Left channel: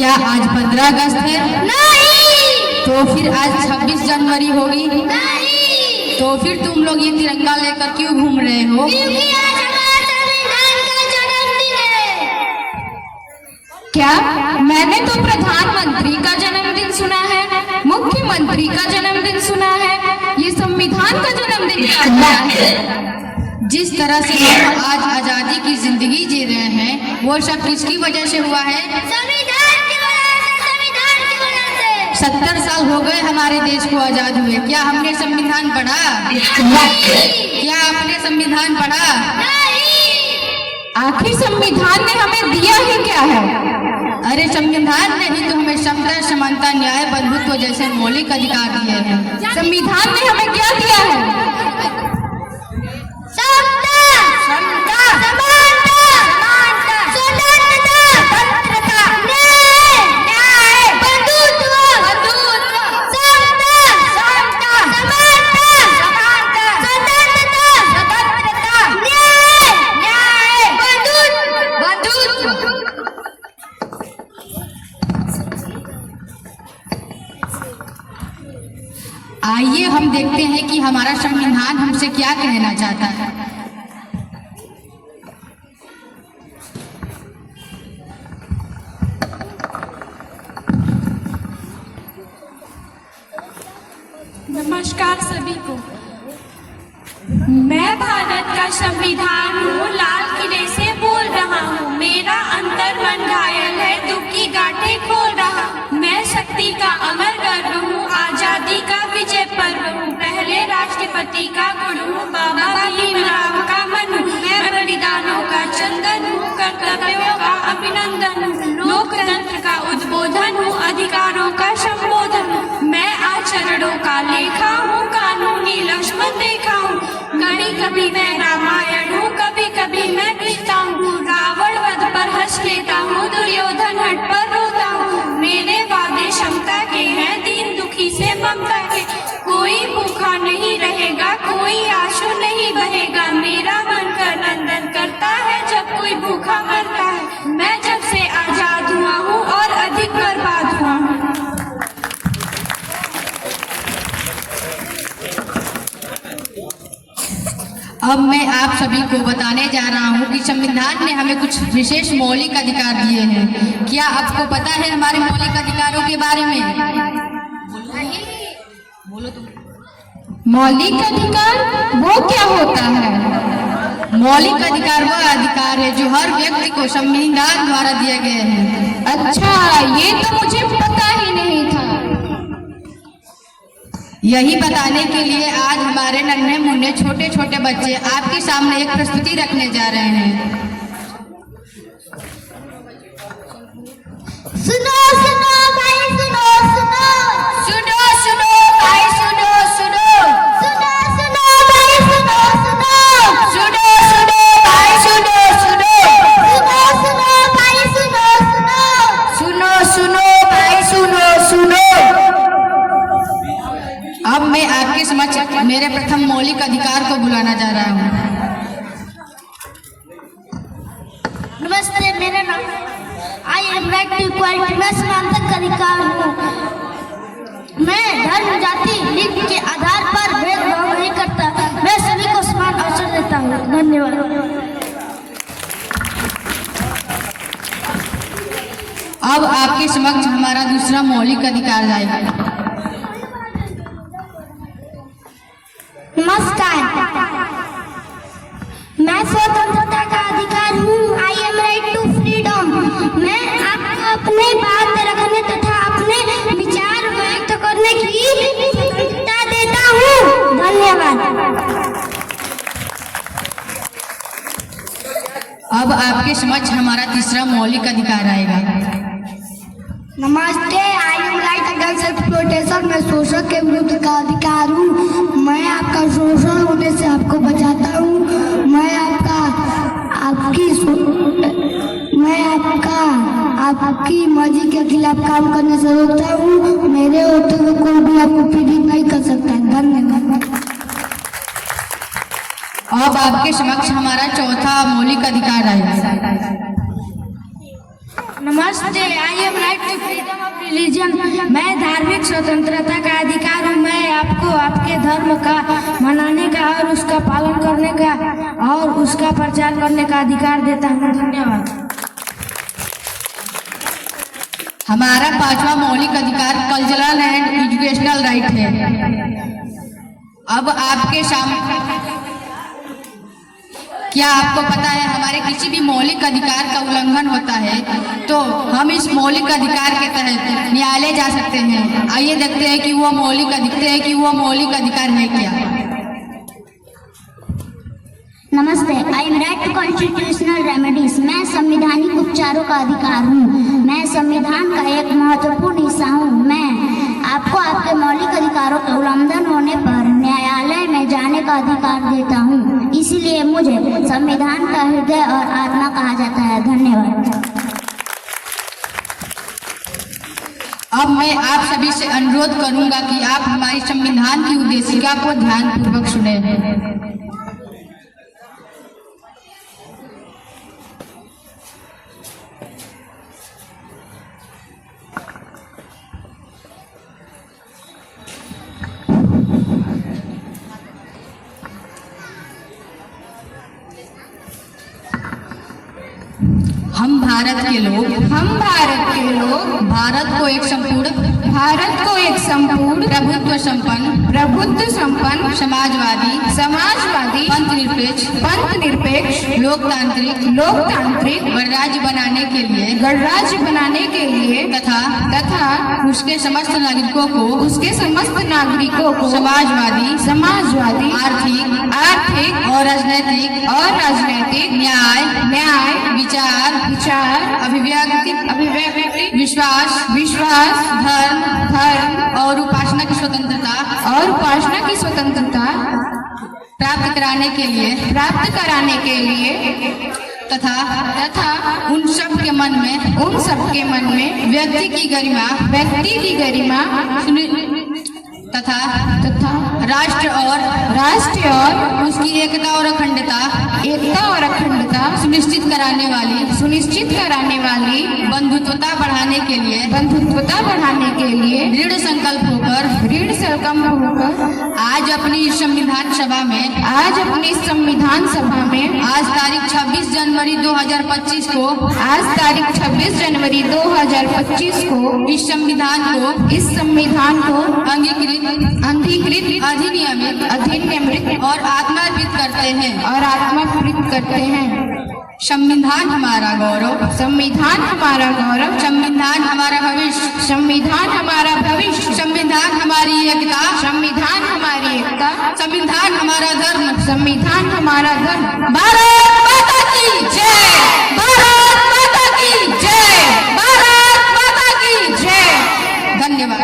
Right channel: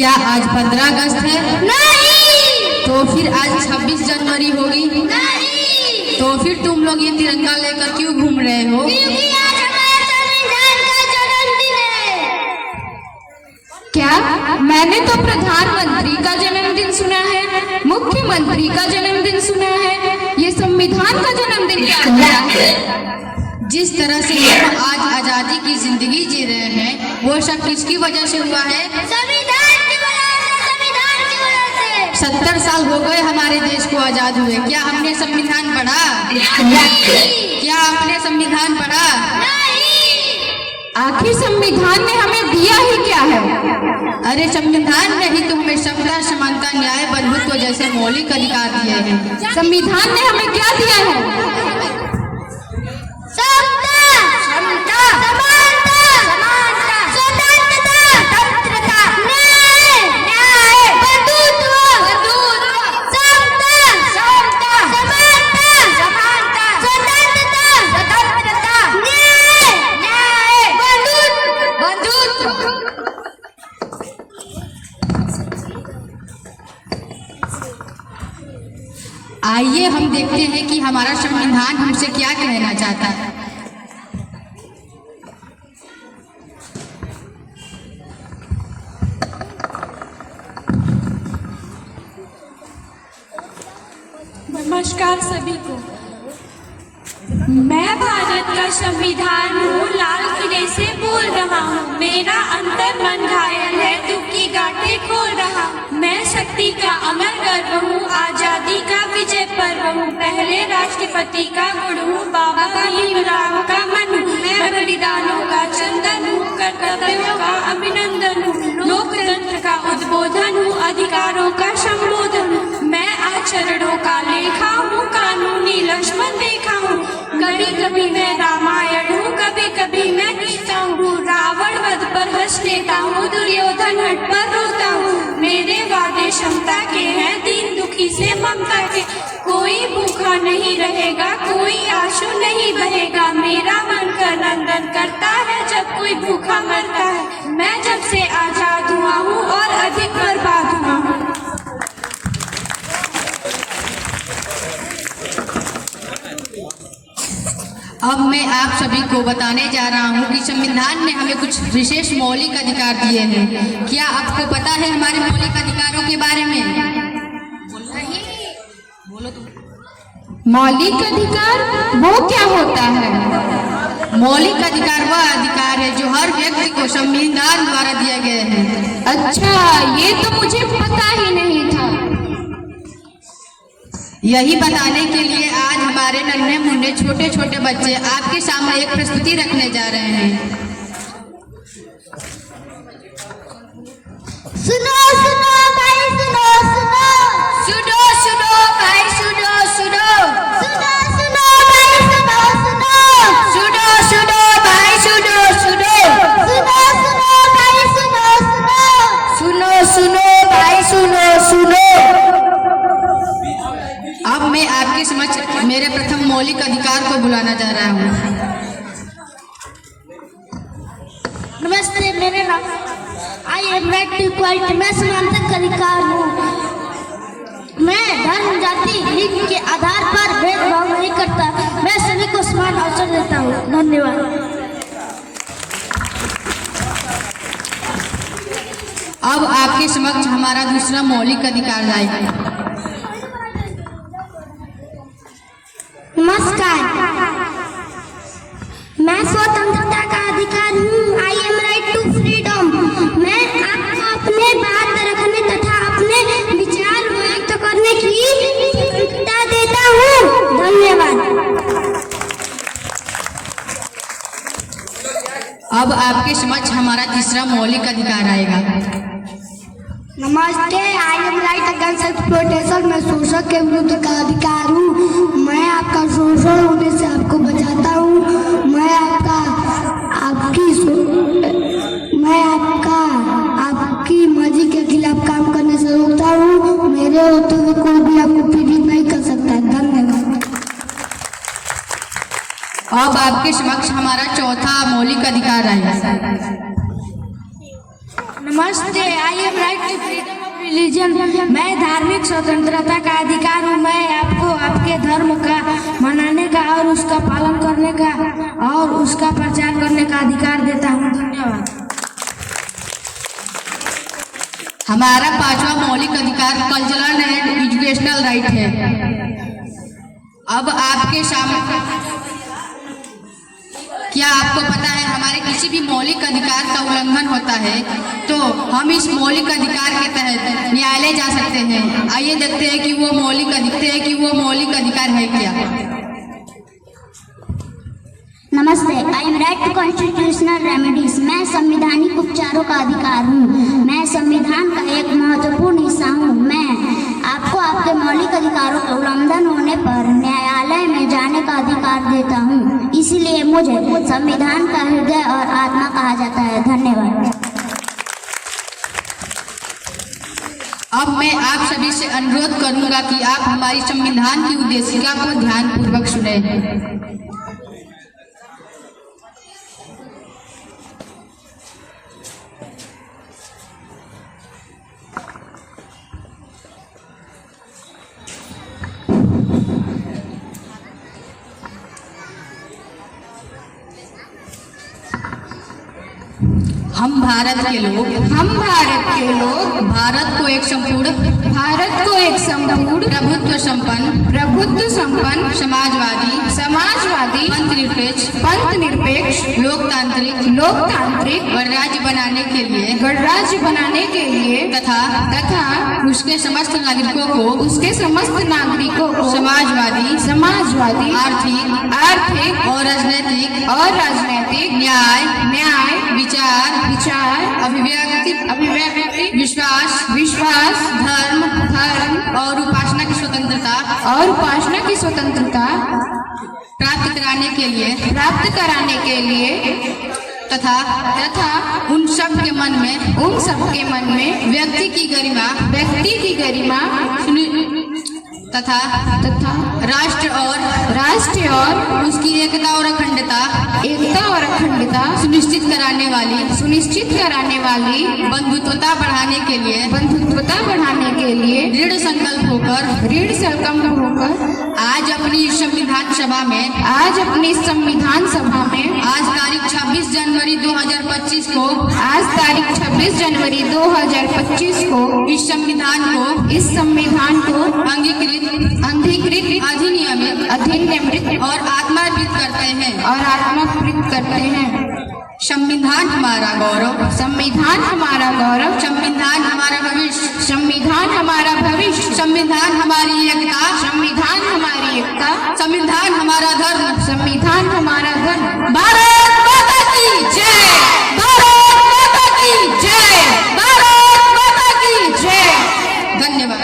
क्या आज 15 अगस्त है? नहीं। तो फिर आज 26 जनवरी होगी? नहीं। तो फिर तुम लोग ये तिरंगा लेकर क्यों घूम रहे हो? क्योंकि आज हमारे संविधान का जन्मदिन है। क्या? मैंने तो प्रधानमंत्री का जन्मदिन सुना है, मुख्यमंत्री का जन्मदिन सुना है, ये संविधान का जन्मदिन क्या है? जिस तरह से हम आज आजादी की जिंदगी जी रहे हैं वो सब किसकी वजह से हुआ है? संविधान की वजह से, संविधान की वजह से। 70 साल हो गए हमारे देश को आजाद हुए। क्या हमने संविधान पढ़ा? क्या आपने संविधान पढ़ा? आखिर संविधान ने हमें दिया ही क्या है? अरे संविधान ने ही तो हमें समता, समानता, न्याय, बंधुत्व जैसे मौलिक अधिकार दिए हैं। संविधान ने हमें क्या दिया है? आइए हम देखते हैं कि हमारा संविधान हमसे क्या कहना चाहता है। नमस्कार सभी को। मैं भारत का संविधान हूँ, लाल किले से बोल रहा हूँ। मेरा अंतर मन घायल है, दुख की गांठें खोल रहा। मैं शक्ति का अमर गर्व हूँ, आजादी का विजय पर्व हूँ। पहले राष्ट्रपति का गुण हूँ, बाबा भीमराव का मन हूँ। मैं बलिदानों का चंदन हूँ, कर्तव्यों का अभिनंदन हूँ। लोकतंत्र का उद्बोधन हूँ, अधिकारों का संबोधन हूँ। मैं आचरणों का लेखा हूँ, कानूनी लक्ष्मण देखा हूँ। कभी कभी मैं रामायण हूँ, कभी कभी मैं गीता हूँ। रावण वध पर हंस लेता हूँ, दुर्योधन हट पर रोता हूँ। मेरे वादे क्षमता के हैं, दीन दुखी से ममता के। कोई भूखा नहीं रहेगा, कोई आंसू नहीं बहेगा। मेरा मन का नंदन करता है जब कोई भूखा मरता है। मैं जब से आजाद हुआ हूँ और अधिक बर्बाद हुआ हूँ। अब मैं आप सभी को बताने जा रहा हूँ कि संविधान ने हमें कुछ विशेष मौलिक अधिकार दिए हैं। क्या आपको पता है हमारे मौलिक अधिकारों के बारे में? बोलो तुम। मौलिक अधिकार वो क्या होता है? मौलिक अधिकार वह अधिकार है जो हर व्यक्ति को संविधान द्वारा दिए गए हैं। अच्छा, ये तो मुझे पता ही नहीं था। यही बताने के लिए आज हमारे नन्हे मुन्ने छोटे छोटे बच्चे आपके सामने एक प्रस्तुति रखने जा रहे हैं। सुनो सुनो भाई, सुनो सुनो। सुनो सुनो भाई, सुनो सुनो। सुनो सुनो भाई, सुनो सुनो। सुनो सुनो भाई, सुनो सुनो। सुनो सुनो भाई, सुनो सुनो। सुनो सुनो भाई, सुनो सुनो। अब मैं आपके समक्ष मेरे प्रथम मौलिक अधिकार को बुलाना जा रहा हूँ। नमस्ते, मेरे नाम I am right to equality. मैं समानता का अधिकार हूँ। मैं धर्म, जाति, लिंग के आधार पर भेदभाव नहीं करता। मैं सभी को समान अवसर देता हूँ। धन्यवाद। अब आपके समक्ष हमारा दूसरा मौलिक अधिकार आएगा। नमस्कार, मैं स्वतंत्रता का अधिकार हूँ। I am right to freedom. मैं आपको अपने बात रखने तथा अपने विचार व्यक्त करने की स्वतंत्रता देता हूँ। धन्यवाद। अब आपके समक्ष हमारा तीसरा मौलिक अधिकार आएगा। नमस्ते, I am right against self protection. मैं शोषण के विरुद्ध का अधिकार हूँ। मैं आपका शोषण होने से आपको बचाता हूँ। मैं आपकी मर्जी के खिलाफ काम करने से रोकता हूँ। मेरे होते हुए कोई भी आपको पीड़ित नहीं कर सकता। धन्यवाद। अब आपके समक्ष हमारा चौथा मौलिक अधिकार आएगा। नमस्ते, I am right to religion, मैं धार्मिक स्वतंत्रता का अधिकार हूँ। मैं आपको आपके धर्म का मनाने का और उसका पालन करने का और उसका प्रचार करने का अधिकार देता हूँ। धन्यवाद। हमारा 5वां मौलिक अधिकार कल्चरल एंड एजुकेशनल राइट है। अब आपके सामने, क्या आपको पता है हमारे किसी भी मौलिक अधिकार का उल्लंघन होता है तो हम इस मौलिक अधिकार के तहत न्यायालय जा सकते हैं। आइए देखते हैं कि वो मौलिक अधिकार है क्या। नमस्ते, I am right to constitutional remedies. मैं संवैधानिक उपचारों का अधिकार हूँ। मैं संविधान का एक महत्वपूर्ण हिस्सा हूँ। मैं आपको आपके मौलिक अधिकारों के उल्लंघन होने पर न्यायालय में जाने का अधिकार देता हूँ। इसीलिए मुझे संविधान का हृदय और आत्मा कहा जाता है। धन्यवाद। अब मैं आप सभी से अनुरोध करूंगा कि आप हमारी संविधान की उद्देशिका को ध्यानपूर्वक सुनें। हम भारत के लोग भारत को एक संपूर्ण प्रभुत्व संपन्न समाजवादी पंथ निरपेक्ष लोकतांत्रिक गणराज्य बनाने के लिए तथा उसके समस्त नागरिकों को समाजवादी आर्थिक और राजनैतिक न्याय विचार अभिव्यक्ति विश्वास धर्म और उपासना की स्वतंत्रता प्राप्त कराने के लिए तथा उन सब के मन में व्यक्ति की गरिमा तथा राष्ट्र और उसकी एकता और अखंडता सुनिश्चित कराने वाली बंधुत्वता बढ़ाने के लिए दृढ़ संकल्प होकर आज अपनी संविधान सभा में आज तारीख 26 जनवरी 2025 को इस संविधान को अंगीकृत अधिनियमित और आत्मार्पित करते हैं। संविधान हमारा गौरव, संविधान हमारा भविष्य, संविधान हमारी एकता, संविधान हमारा धर्म। भारत माता की जय। भारत माता की जय। धन्यवाद।